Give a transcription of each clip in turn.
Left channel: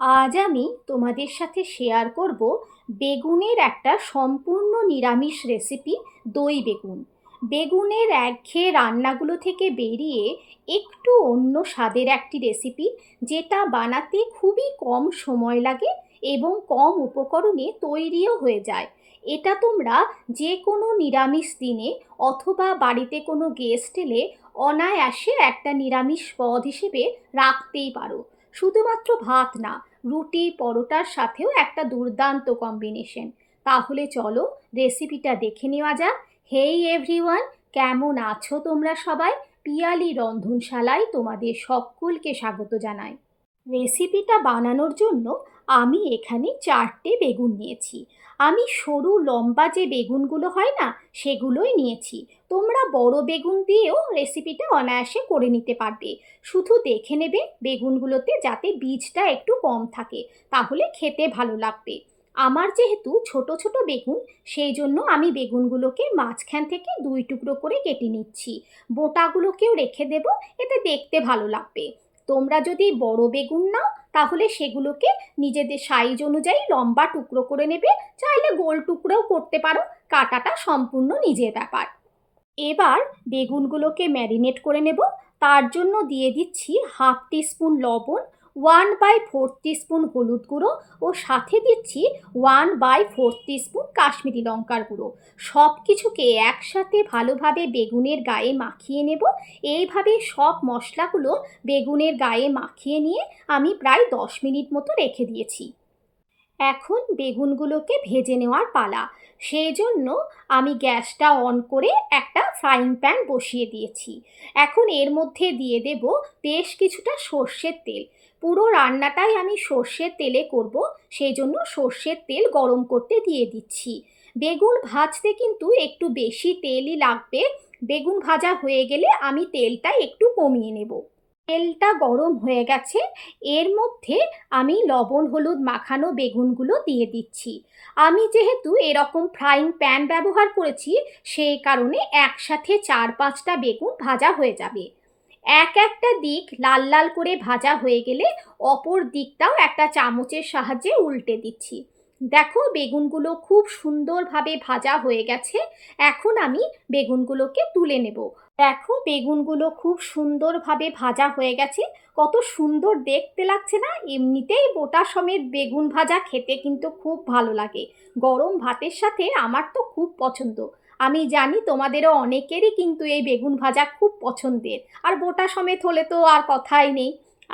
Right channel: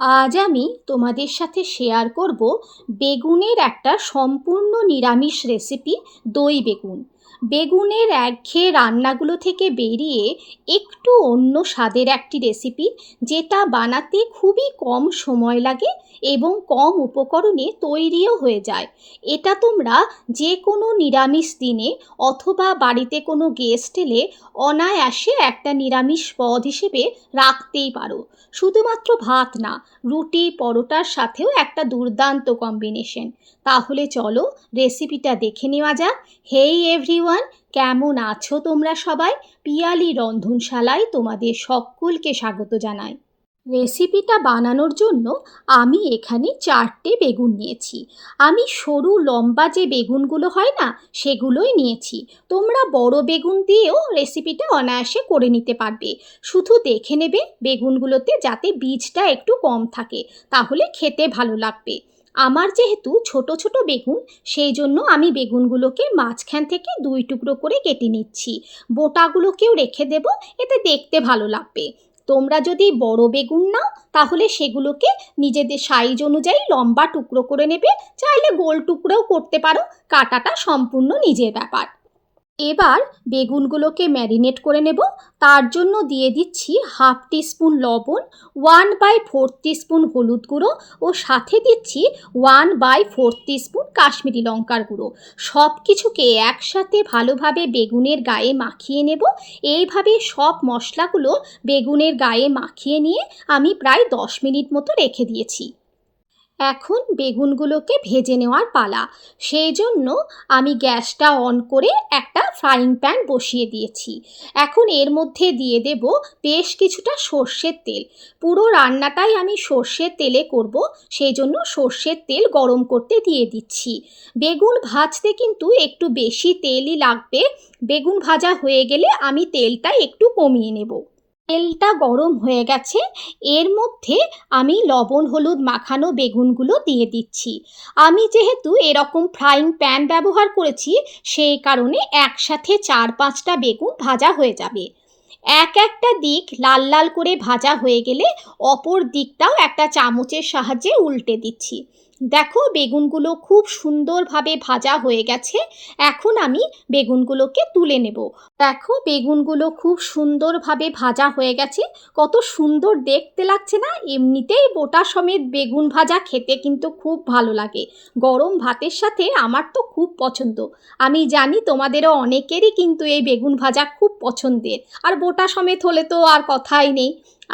আজ আমি তোমাদের সাথে শেয়ার করব বেগুনের একটা সম্পূর্ণ নিরামিষ রেসিপি, দই বেগুন। বেগুনের একঘেয়ে রান্নাগুলো থেকে বেরিয়ে একটু অন্য স্বাদের একটি রেসিপি, যেটা বানাতে খুবই কম সময় লাগে এবং কম উপকরণে তৈরিও হয়ে যায়। এটা তোমরা যে কোনো নিরামিষ দিনে অথবা বাড়িতে কোনো গেস্ট এলে অনায়াসে একটা নিরামিষ পদ হিসেবে রাখতেই পারো। শুধুমাত্র ভাত না, রুটি পরোটার সাথেও একটা দুর্দান্ত কম্বিনেশন। তাহলে চলো রেসিপিটা দেখে নেওয়া যাক। হেই এভরিওয়ান, কেমন আছো তোমরা সবাই? পিয়ালি রন্ধনশালায় তোমাদের সকলকে স্বাগত জানাই। রেসিপিটা বানানোর জন্য আমি এখানে 4টে বেগুন নিয়েছি। আমি সরু লম্বা যে বেগুনগুলো হয় না, সেগুলোই নিয়েছি। তোমরা বড় বেগুন দিয়েও রেসিপিটা অনায়াসে করে নিতে পারবে। শুধু দেখে নেবে বেগুনগুলোতে যাতে বীজটা একটু কম থাকে, তাহলে খেতে ভালো লাগবে। আমার যেহেতু ছোট ছোট বেগুন, সেই জন্য আমি বেগুনগুলোকে মাঝখান থেকে 2 টুকরো করে কেটে নিচ্ছি। বোটাগুলোকেও রেখে দেব, এতে দেখতে ভালো লাগবে। তোমরা যদি বড় বেগুন নাও, তাহলে সেগুলোকে নিজেদের সাইজ অনুযায়ী লম্বা টুকরো করে নেবে। চাইলে গোল টুকরোও করতে পারো, কাটাটা সম্পূর্ণ নিজের ব্যাপার। এবার বেগুনগুলোকে ম্যারিনেট করে নেব। তার জন্য দিয়ে দিচ্ছি 1/2 টিস্পুন লবণ, 1/4 টিস্পুন হলুদ গুঁড়ো ও সাথে দিচ্ছি 1/4 টিস্পুন কাশ্মীরি লঙ্কার গুঁড়ো। সব কিছুকে একসাথে ভালোভাবে বেগুনের গায়ে মাখিয়ে নেব। এইভাবে সব মশলাগুলো বেগুনের গায়ে মাখিয়ে নিয়ে আমি প্রায় 10 মিনিট মতো রেখে দিয়েছি। এখন বেগুনগুলোকে ভেজে নেওয়ার পালা। সেই জন্য আমি গ্যাসটা অন করে একটা ফ্রাইং প্যান বসিয়ে দিয়েছি। এখন এর মধ্যে দিয়ে দেব বেশ কিছুটা সর্ষের তেল। পুরো রান্নাটাই আমি সর্ষের তেলে করব, সেই জন্য সর্ষের তেল গরম করতে দিয়ে দিচ্ছি। বেগুন ভাজতে কিন্তু একটু বেশি তেলই লাগবে। বেগুন ভাজা হয়ে গেলে আমি তেলটা একটু কমিয়ে নেব। তেলটা গরম হয়ে গেছে, এর মধ্যে আমি লবণ হলুদ মাখানো বেগুনগুলো দিয়ে দিচ্ছি। আমি যেহেতু এরকম ফ্রাইং প্যান ব্যবহার করেছি, সেই কারণে একসাথে 4-5টা বেগুন ভাজা হয়ে যাবে। একটা দিক লাল লাল করে ভাজা হয়ে গেলে অপর দিকটাও একটা চামচের সাহায্যে উল্টে দিচ্ছি। দেখো বেগুনগুলো খুব সুন্দরভাবে ভাজা হয়ে গেছে। এখন আমি বেগুনগুলোকে তুলে নেব। দেখো বেগুনগুলো খুব সুন্দরভাবে ভাজা হয়ে গেছে। কত সুন্দর দেখতে লাগছে না? এমনিতেই বোটা সমেত বেগুন ভাজা খেতে কিন্তু খুব ভালো লাগে। গরম ভাতের সাথে আমার তো খুব পছন্দ। আমি জানি তোমাদেরও অনেকেরই কিন্তু এই বেগুন ভাজা খুব পছন্দের। আর বোটা সমেত হলে তো আর কথাই নেই।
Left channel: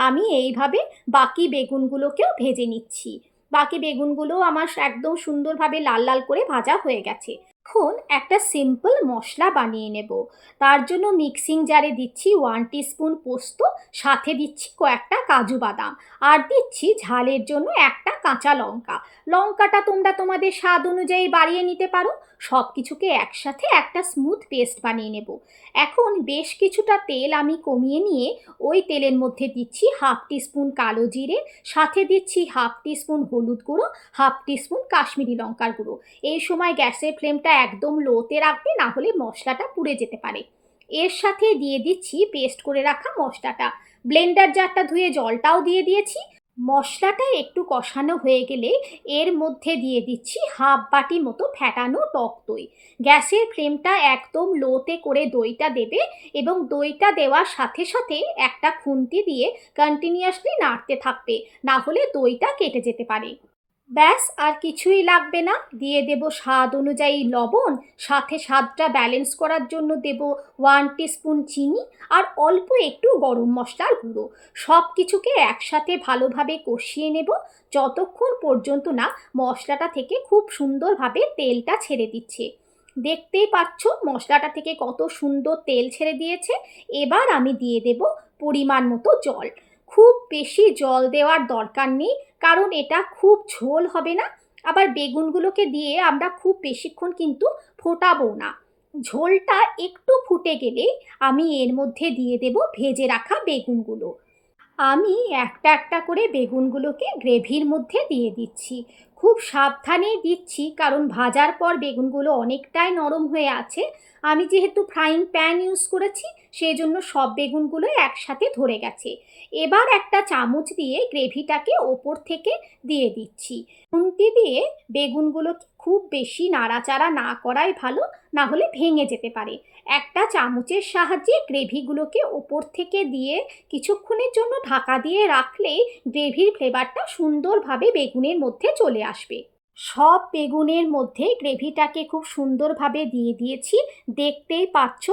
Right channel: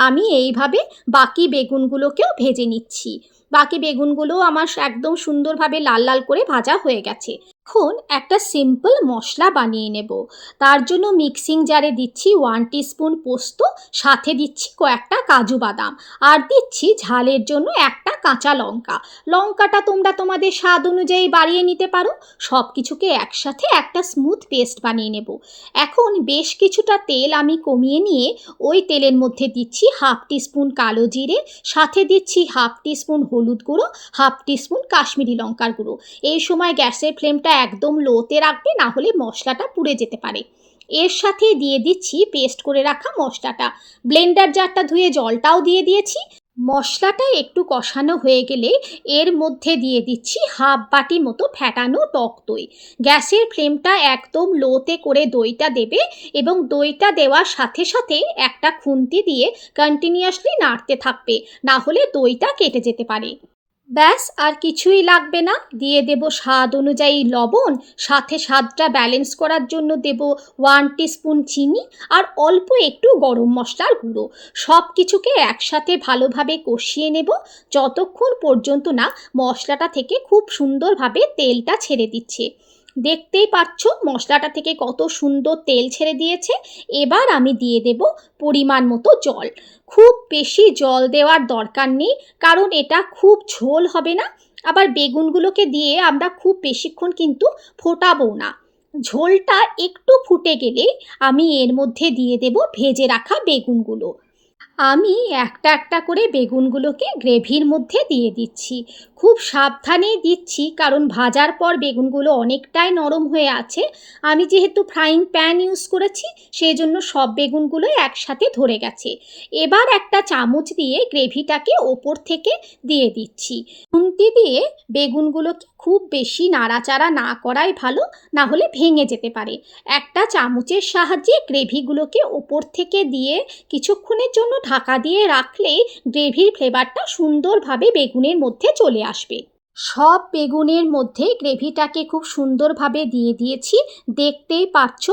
আমি এইভাবে বাকি বেগুনগুলোকেও ভেজে নিচ্ছি। বাকি বেগুনগুলো আমার একদম সুন্দরভাবে লাল লাল করে ভাজা হয়ে গেছে। এখন একটা সিম্পল মশলা বানিয়ে নেব। তার জন্য মিক্সিং জারে দিচ্ছি 1 টিস্পুন পোস্ত, সাথে দিচ্ছি কয়েকটা কাজু বাদাম, আর দিচ্ছি ঝালের জন্য একটা কাঁচা লঙ্কা। লঙ্কাটা তোমরা তোমাদের স্বাদ অনুযায়ী বাড়িয়ে নিতে পারো। সব কিছুকে একসাথে একটা স্মুথ পেস্ট বানিয়ে নেব। এখন বেশ কিছুটা তেল আমি কমিয়ে নিয়ে ওই তেলের মধ্যে দিচ্ছি 1/2 টিস্পুন কালো জিরে, সাথে দিচ্ছি 1/2 টিস্পুন হলুদ গুঁড়ো, 1/2 টিস্পুন কাশ্মীরি লঙ্কার গুঁড়ো। এই সময় গ্যাসের ফ্লেমটা একদম লোতে রাখবে, না হলে মশলাটা পুড়ে যেতে পারে। এর সাথে দিয়ে দিচ্ছি পেস্ট করে রাখা মশলাটা। ব্লেন্ডার জারটা ধুয়ে জলটাও দিয়ে দিয়েছি। মশলাটা একটু কষানো হয়ে গেলে এর মধ্যে দিয়ে দিচ্ছি 1/2 বাটি মতো ফ্যাটানো টক দই। গ্যাসের ফ্লেমটা একদম লোতে করে দইটা দেবে এবং দইটা দেওয়ার সাথে সাথে একটা খুন্তি দিয়ে কন্টিনিউয়াসলি নাড়তে থাকবে, না হলে দইটা কেটে যেতে পারে। ব্যাস আর কিছুই লাগবে না। দিয়ে দেব স্বাদ অনুযায়ী লবণ, সাথে স্বাদটা ব্যালেন্স করার জন্য দেব 1 টিস্পুন চিনি আর অল্প একটু গরম মশলার গুঁড়ো। সব কিছুকে একসাথে ভালোভাবে কষিয়ে নেব, যতক্ষণ পর্যন্ত না মশলাটা থেকে খুব সুন্দরভাবে তেলটা ছেড়ে দিচ্ছে। দেখতেই পাচ্ছ মশলাটা থেকে কত সুন্দর তেল ছেড়ে দিয়েছে। এবার আমি দিয়ে দেব পরিমাণ মতো জল। খুব বেশি জল দেওয়ার দরকার নেই, কারণ এটা খুব ঝোল হবে না। আবার বেগুনগুলোকে দিয়ে আমরা খুব বেশিক্ষণ কিন্তু ফোটাবো না। ঝোলটা একটু ফুটে গেলে আমি এর মধ্যে দিয়ে দেব ভেজে রাখা বেগুনগুলো। আমি একটা একটা করে বেগুনগুলোকে গ্রেভির মধ্যে দিয়ে দিচ্ছি। খুব সাবধানেই দিচ্ছি, কারণ ভাজার পর বেগুনগুলো অনেকটাই নরম হয়ে আছে। আমি যেহেতু ফ্রাইং প্যান ইউজ করেছি, সেই জন্য সব বেগুনগুলোই একসাথে ধরে গেছে। এবার একটা চামচ দিয়ে গ্রেভিটাকে ওপর থেকে দিয়ে দিচ্ছি। খুন্তি দিয়ে বেগুনগুলোকে খুব বেশি নাড়াচাড়া না করাই ভালো, না হলে ভেঙে যেতে পারে। একটা চামচের সাহায্যে গ্রেভিগুলোকে ওপর থেকে দিয়ে কিছুক্ষণের জন্য ঢাকা দিয়ে রাখলেই গ্রেভির ফ্লেভারটা সুন্দরভাবে বেগুনের মধ্যে চলে আসবে। সব বেগুনের মধ্যে গ্রেভিটাকে খুব সুন্দরভাবে দিয়ে দিয়েছি, দেখতেই পাচ্ছ।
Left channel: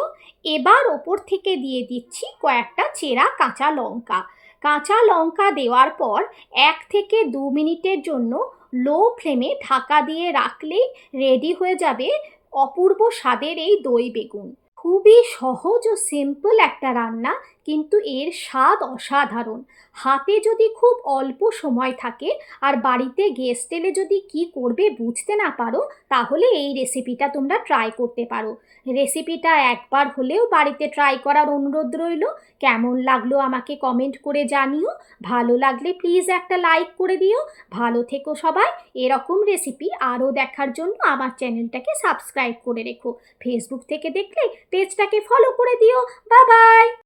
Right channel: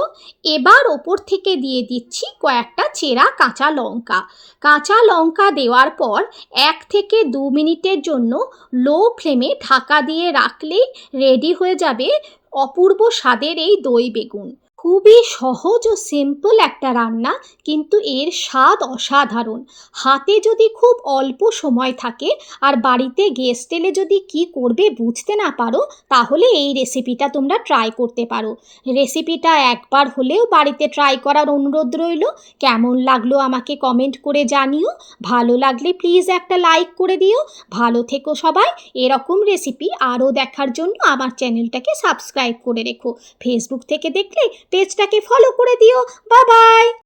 এবার ওপর থেকে দিয়ে দিচ্ছি কয়েকটা চেরা কাঁচা লঙ্কা। কাঁচা লঙ্কা দেওয়ার পর 1 থেকে 2 মিনিটের জন্য লো ফ্লেমে ঢাকা দিয়ে রাখলেই রেডি হয়ে যাবে অপূর্ব স্বাদের এই দই বেগুন। খুবই সহজ ও সিম্পল একটা রান্না, কিন্তু এর স্বাদ অসাধারণ। হাতে যদি খুব অল্প সময় থাকে আর বাড়িতে গেস্ট এলে যদি কি করবে বুঝতে না পারো, তাহলে এই রেসিপিটা তোমরা ট্রাই করতে পারো। রেসিপিটা একবার হলেও বাড়িতে ট্রাই করার অনুরোধ রইল। কেমন লাগলো আমাকে কমেন্ট করে জানিও। ভালো লাগলে প্লিজ একটা লাইক করে দিও। ভালো থেকো সবাই। এরকম রেসিপি আরও দেখার জন্য আমার চ্যানেলটাকে সাবস্ক্রাইব করে রেখো। ফেসবুক থেকে দেখলে পেজটাকে ফলো করে দিও। Bye bye.